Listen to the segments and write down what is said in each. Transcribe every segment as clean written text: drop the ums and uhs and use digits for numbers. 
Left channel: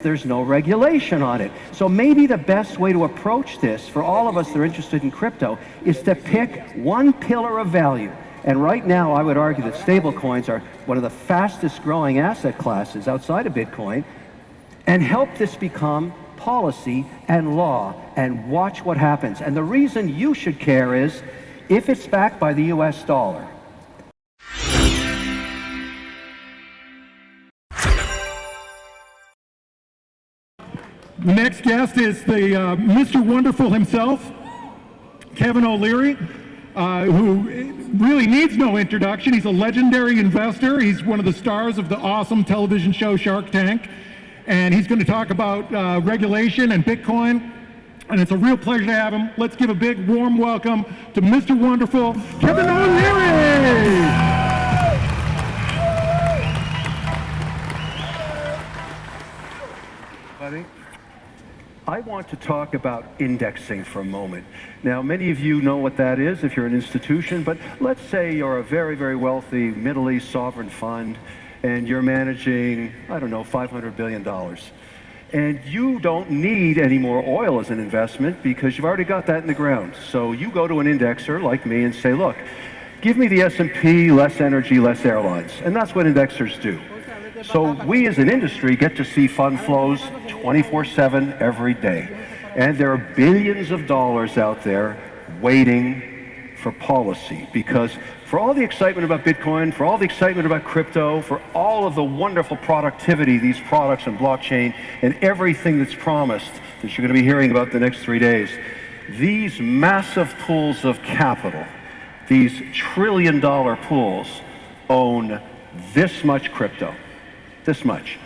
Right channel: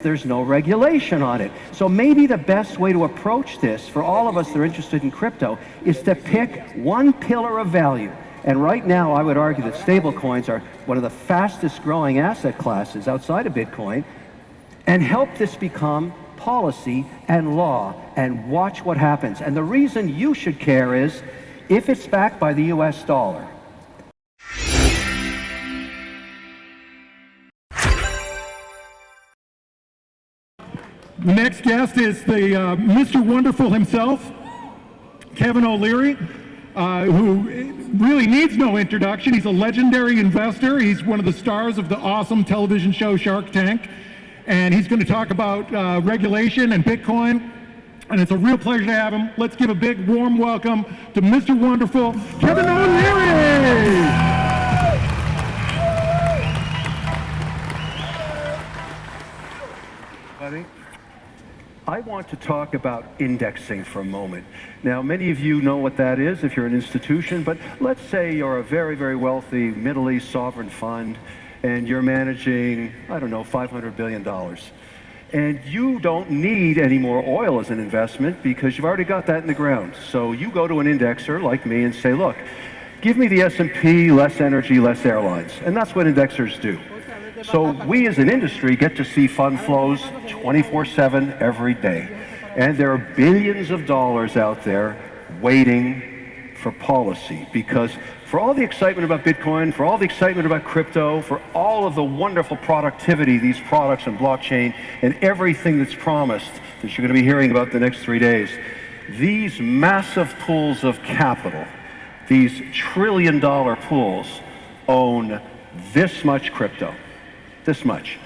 There's no regulation on it. So maybe the best way to approach this for all of us that are interested in crypto is to pick one pillar of value. And right now, I would argue that stablecoins are one of the fastest growing asset classes outside of Bitcoin, and help this become policy and law, and watch what happens. And the reason you should care is if it's backed by the US dollar. The next guest is the Mr. Wonderful himself, Kevin.o.Leary, who really needs no introduction. He's a legendary investor. He's one of the stars of the awesome television show Shark Tank. And he's going to talk about regulation and Bitcoin. And it's a real pleasure to have him. Let's give a big warm welcome to Mr. Wonderful, Kevin.o.Leary. Buddy, I want to talk about indexing for a moment. Now, many of you know what that is if you're an institution, but let's say you're a very, very wealthy Middle East sovereign fund and you're managing, I don't know, $500 billion. And you don't need any more oil as an investment because you've already got that in the ground. So you go to an indexer like me and say, look, give me the S&P, less energy, less airlines. And that's what indexers do. So we as an industry get to see fund flows 24/7 every day. And there are billions of dollars out there waiting for policy, because for all the excitement about Bitcoin, for all the excitement about crypto, for all of the wonderful productivity, these products and blockchain, and everything that's promised that you're going to be hearing about the next 3 days, these massive pools of capital, these trillion-dollar pools, own this much crypto. This much.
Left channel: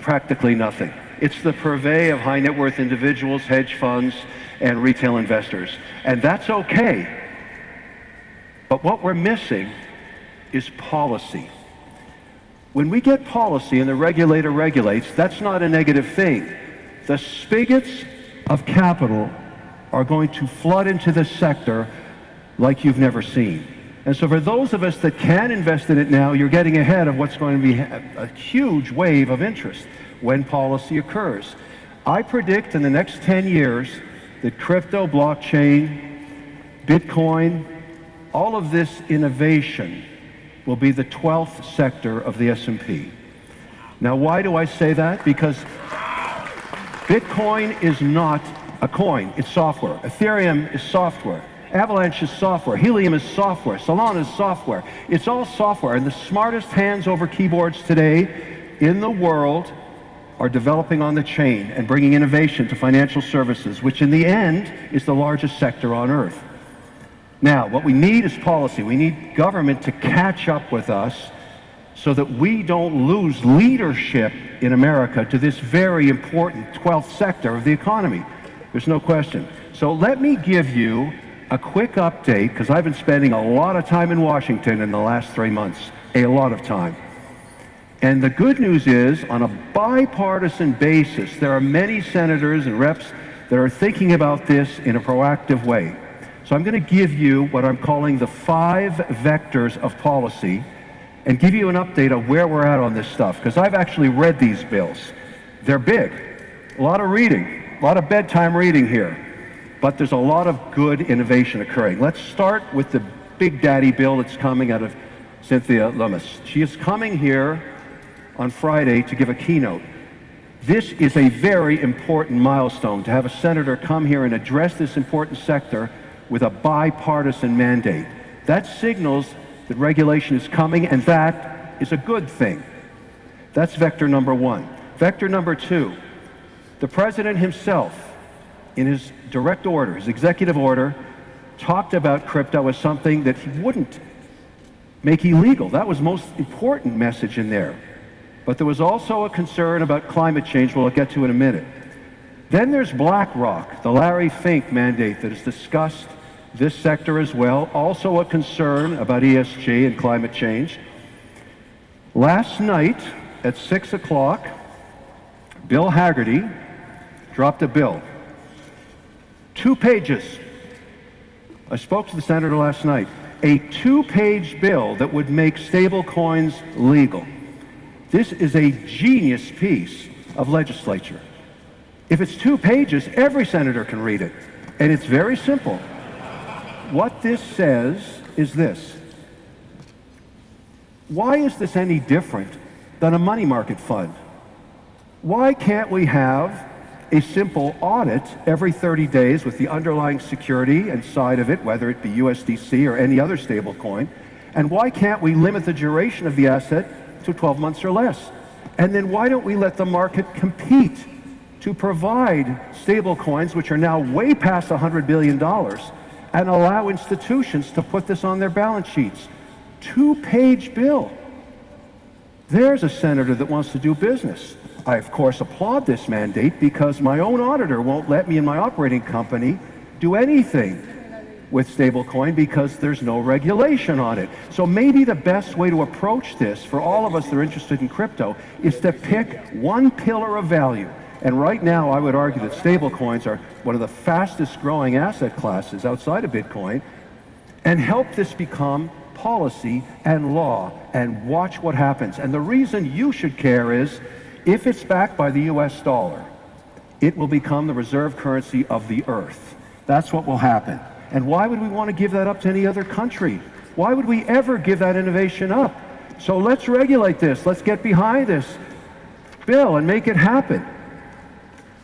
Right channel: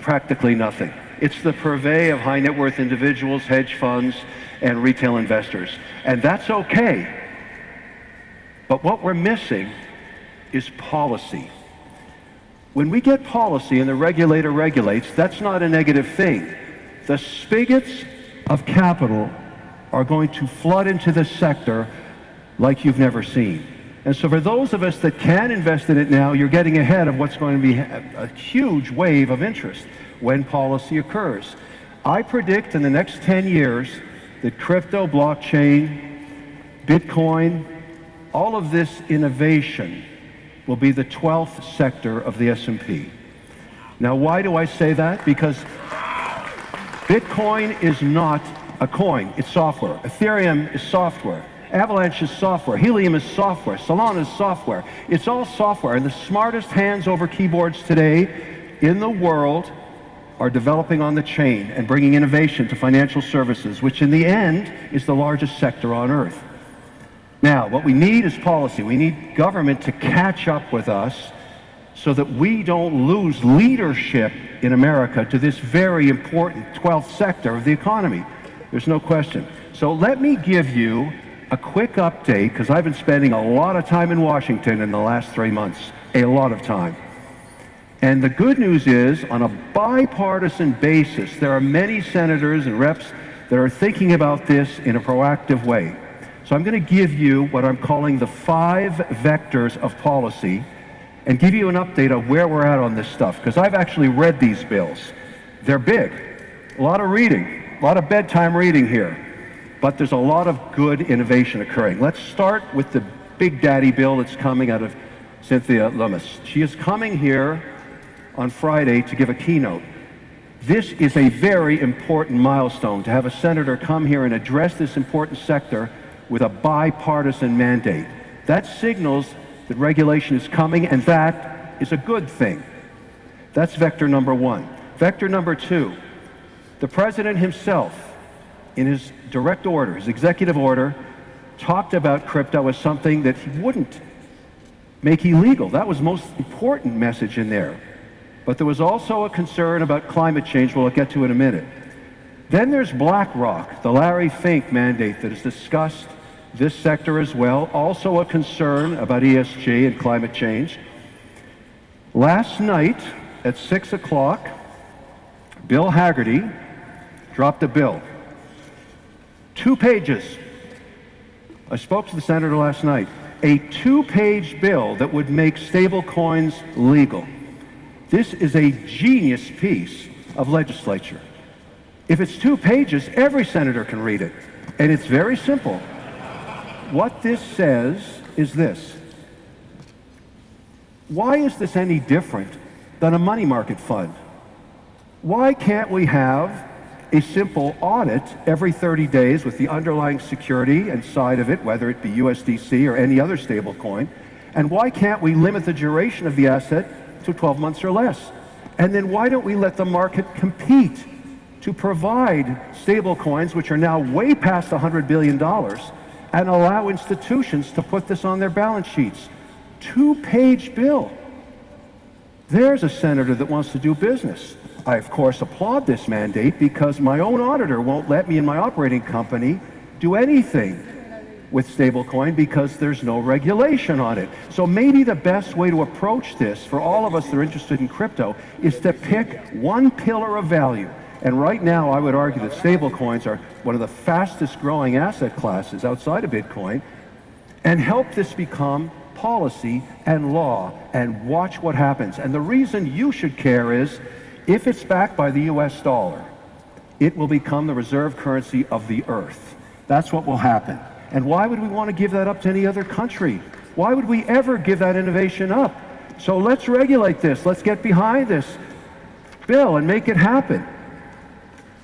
Practically nothing. It's the purvey of high net worth individuals, hedge funds, and retail investors. And that's okay. But what we're missing is policy. When we get policy and the regulator regulates, that's not a negative thing. The spigots of capital are going to flood into this sector like you've never seen. And so for those of us that can invest in it now, you're getting ahead of what's going to be a huge wave of interest when policy occurs. I predict in the next 10 years that crypto, blockchain, Bitcoin, all of this innovation will be the 12th sector of the S&P. Now, why do I say that? Because Bitcoin is not a coin, it's software. Ethereum is software. Avalanche is software. Helium is software. Solana is software. It's all software. And the smartest hands over keyboards today in the world are developing on the chain and bringing innovation to financial services, which in the end is the largest sector on earth. Now, what we need is policy. We need government to catch up with us so that we don't lose leadership in America to this very important 12th sector of the economy. There's no question. So let me give you a quick update, because I've been spending a lot of time in Washington in the last 3 months, a lot of time. And the good news is, on a bipartisan basis, there are many senators and reps that are thinking about this in a proactive way. So I'm going to give you what I'm calling the 5 vectors of policy and give you an update of where we're at on this stuff, because I've actually read these bills. They're big, a lot of reading, a lot of bedtime reading here. But there's a lot of good innovation occurring. Let's start with the big daddy bill that's coming out of Cynthia Lummis. She is coming here on Friday to give a keynote. This is a very important milestone to have a senator come here and address this important sector with a bipartisan mandate. That signals that regulation is coming, and that is a good thing. That's vector number 1. Vector number 2, the president himself, in his direct order, his executive order, talked about crypto as something that he wouldn't make illegal. That was the most important message in there. But there was also a concern about climate change, we'll get to in a minute. Then there's BlackRock, the Larry Fink mandate that's discussed this sector as well, also a concern about ESG and climate change. Last night at 6 o'clock, Bill Hagerty dropped a bill. 2 pages. I spoke to the senator last night. A 2-page bill that would make stable coins legal. This is a genius piece. of legislature. If it's 2 pages, every senator can read it. And it's very simple. What this says is this. Why is this any different than a money market fund? Why can't we have a simple audit every 30 days with the underlying security inside of it, whether it be USDC or any other stable coin? And why can't we limit the duration of the asset to 12 months or less? And then why don't we let the market compete to provide stable coins, which are now way past $100 billion, and allow institutions to put this on their balance sheets? 2-page bill. There's a senator that wants to do business. I, of course, applaud this mandate because my own auditor won't let me and my operating company do anything with stablecoin because there's no regulation on it. So maybe the best way to approach this for all of us that are interested in crypto is to pick one pillar of value. And right now, I would argue that stablecoins are one of the fastest growing asset classes outside of Bitcoin, and help this become policy and law, and watch what happens. And the reason you should care is, if it's backed by the US dollar, it will become the reserve currency of the earth. That's what will happen. And why would we want to give that up to any other country? Why would we ever give that innovation up? So let's regulate this. Let's get behind this bill and make it happen.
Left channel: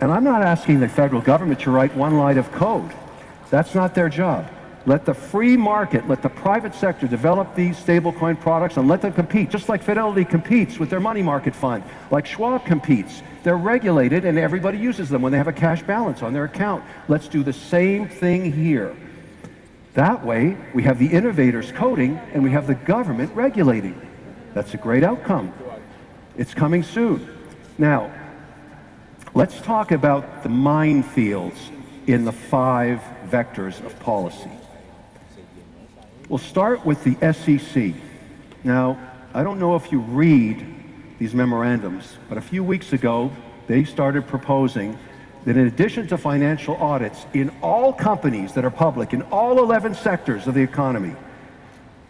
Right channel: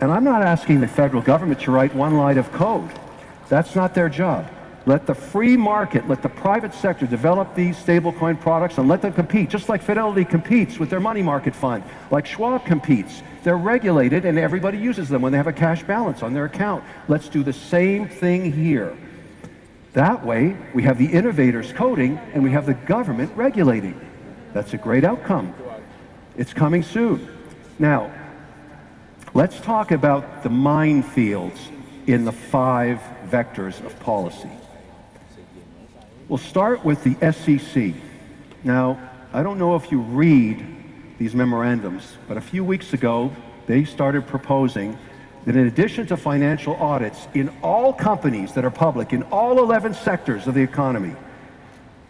And I'm not asking the federal government to write one line of code. That's not their job. Let the free market, let the private sector develop these stablecoin products and let them compete, just like Fidelity competes with their money market fund, like Schwab competes. They're regulated and everybody uses them when they have a cash balance on their account. Let's do the same thing here. That way, we have the innovators coding and we have the government regulating. That's a great outcome. It's coming soon. Now, let's talk about the minefields in the 5 vectors of policy. We'll start with the SEC. Now, I don't know if you read these memorandums, but a few weeks ago, they started proposing that in addition to financial audits in all companies that are public, in all 11 sectors of the economy,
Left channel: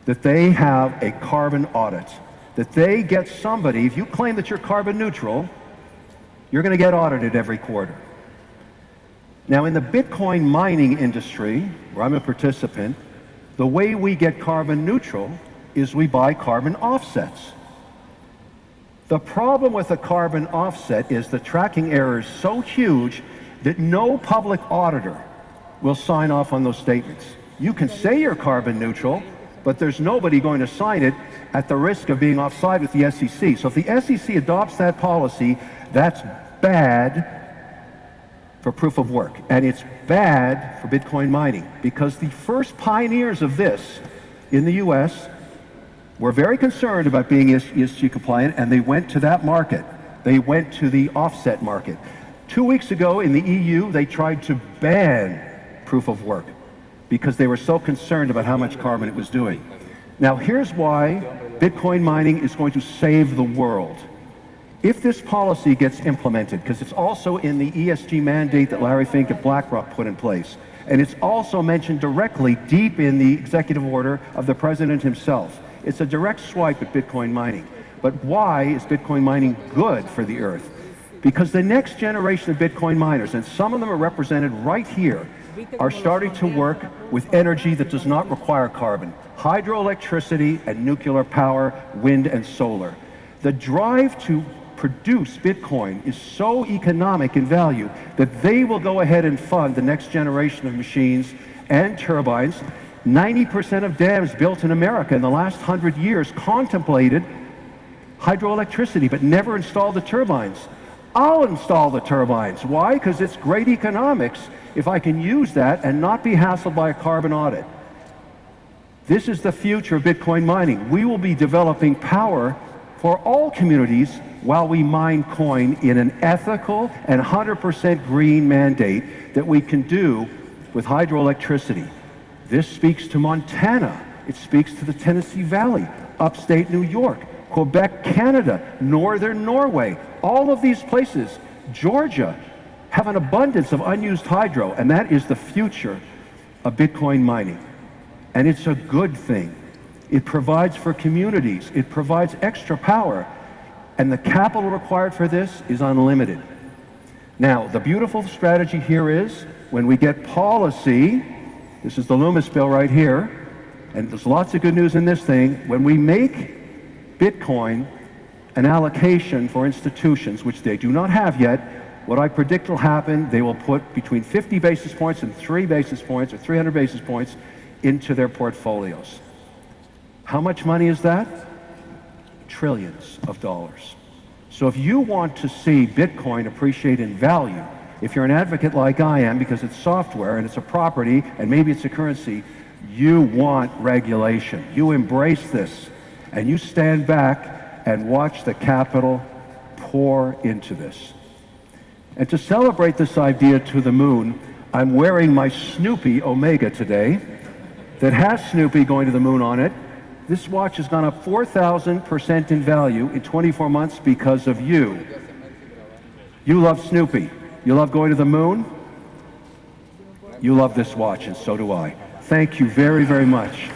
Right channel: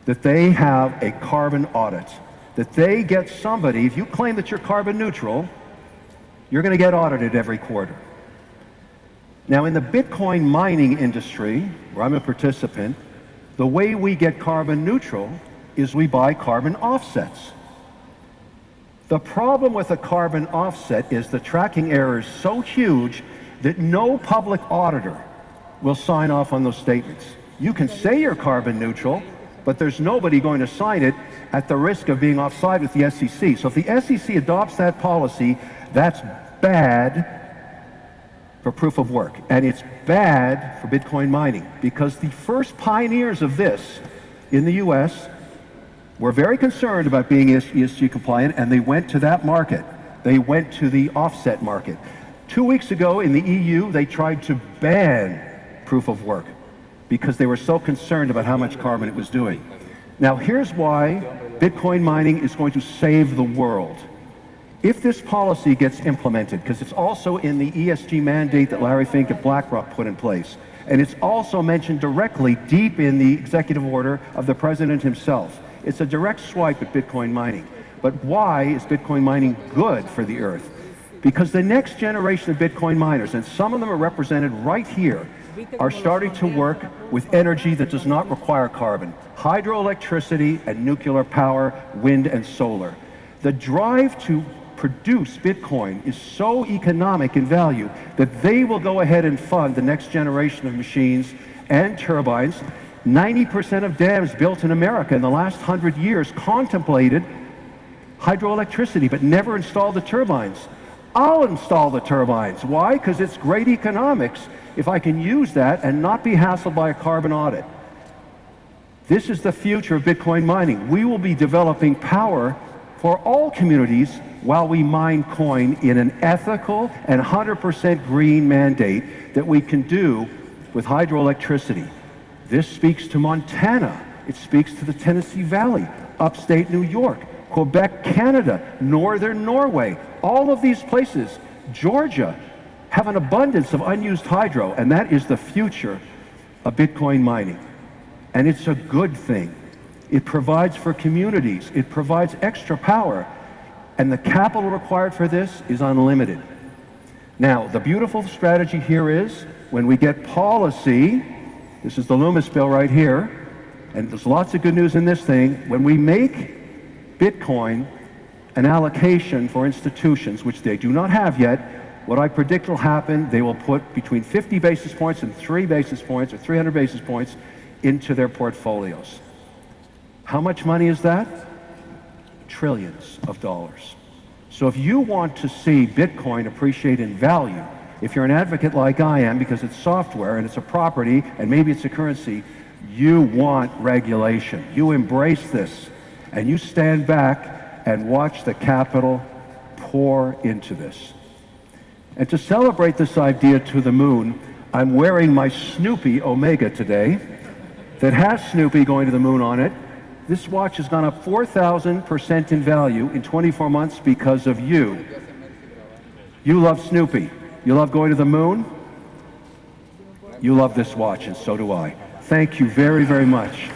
that they have a carbon audit, that they get somebody, if you claim that you're carbon neutral, you're going to get audited every quarter. Now, in the Bitcoin mining industry, where I'm a participant, the way we get carbon neutral is we buy carbon offsets. The problem with a carbon offset is the tracking error is so huge that no public auditor will sign off on those statements. You can say you're carbon neutral, but there's nobody going to sign it at the risk of being offside with the SEC. So if the SEC adopts that policy, that's bad for proof of work, and it's bad for Bitcoin mining, because the first pioneers of this in the US were very concerned about being ESG compliant, and they went to that market. They went to the offset market. 2 weeks ago in the EU, they tried to ban proof of work because they were so concerned about how much carbon it was doing. Now, here's why Bitcoin mining is going to save the world. If this policy gets implemented, because it's also in the ESG mandate that Larry Fink at BlackRock put in place, and it's also mentioned directly deep in the executive order of the president himself. It's a direct swipe at Bitcoin mining. But why is Bitcoin mining good for the earth? Because the next generation of Bitcoin miners, and some of them are represented right here, are starting to work with energy that does not require carbon. Hydroelectricity and nuclear power, wind and solar. The drive to produce Bitcoin is so economic in value that they will go ahead and fund the next generation of machines and turbines. 90% of dams built in America in the last 100 years contemplated hydroelectricity but never installed the turbines. I'll install the turbines. Why? Because it's great economics if I can use that and not be hassled by a carbon audit. This is the future of Bitcoin mining. We will be developing power for all communities while we mine coin in an ethical and 100% green mandate that we can do with hydroelectricity. This speaks to Montana. It speaks to the Tennessee Valley, upstate New York, Quebec, Canada, northern Norway. All of these places, Georgia, have an abundance of unused hydro, and that is the future of Bitcoin mining. And it's a good thing. It provides for communities. It provides extra power. And the capital required for this is unlimited. Now, the beautiful strategy here is when we get policy, this is the Loomis bill right here, and there's lots of good news in this thing, when we make Bitcoin an allocation for institutions, which they do not have yet, what I predict will happen, they will put between 50 basis points and 3 basis points or 300 basis points into their portfolios. How much money is that? Trillions of dollars. So if you want to see Bitcoin appreciate in value, if you're an advocate like I am, because it's software and it's a property and maybe it's a currency, you want regulation. You embrace this and you stand back and watch the capital pour into this. And to celebrate this idea to the moon, I'm wearing my Snoopy Omega today that has Snoopy going to the moon on it. This watch has gone up 4,000% in value in 24 months because of you. You love Snoopy. You love going to the moon. You love this watch, and so do I. Thank you very, very much.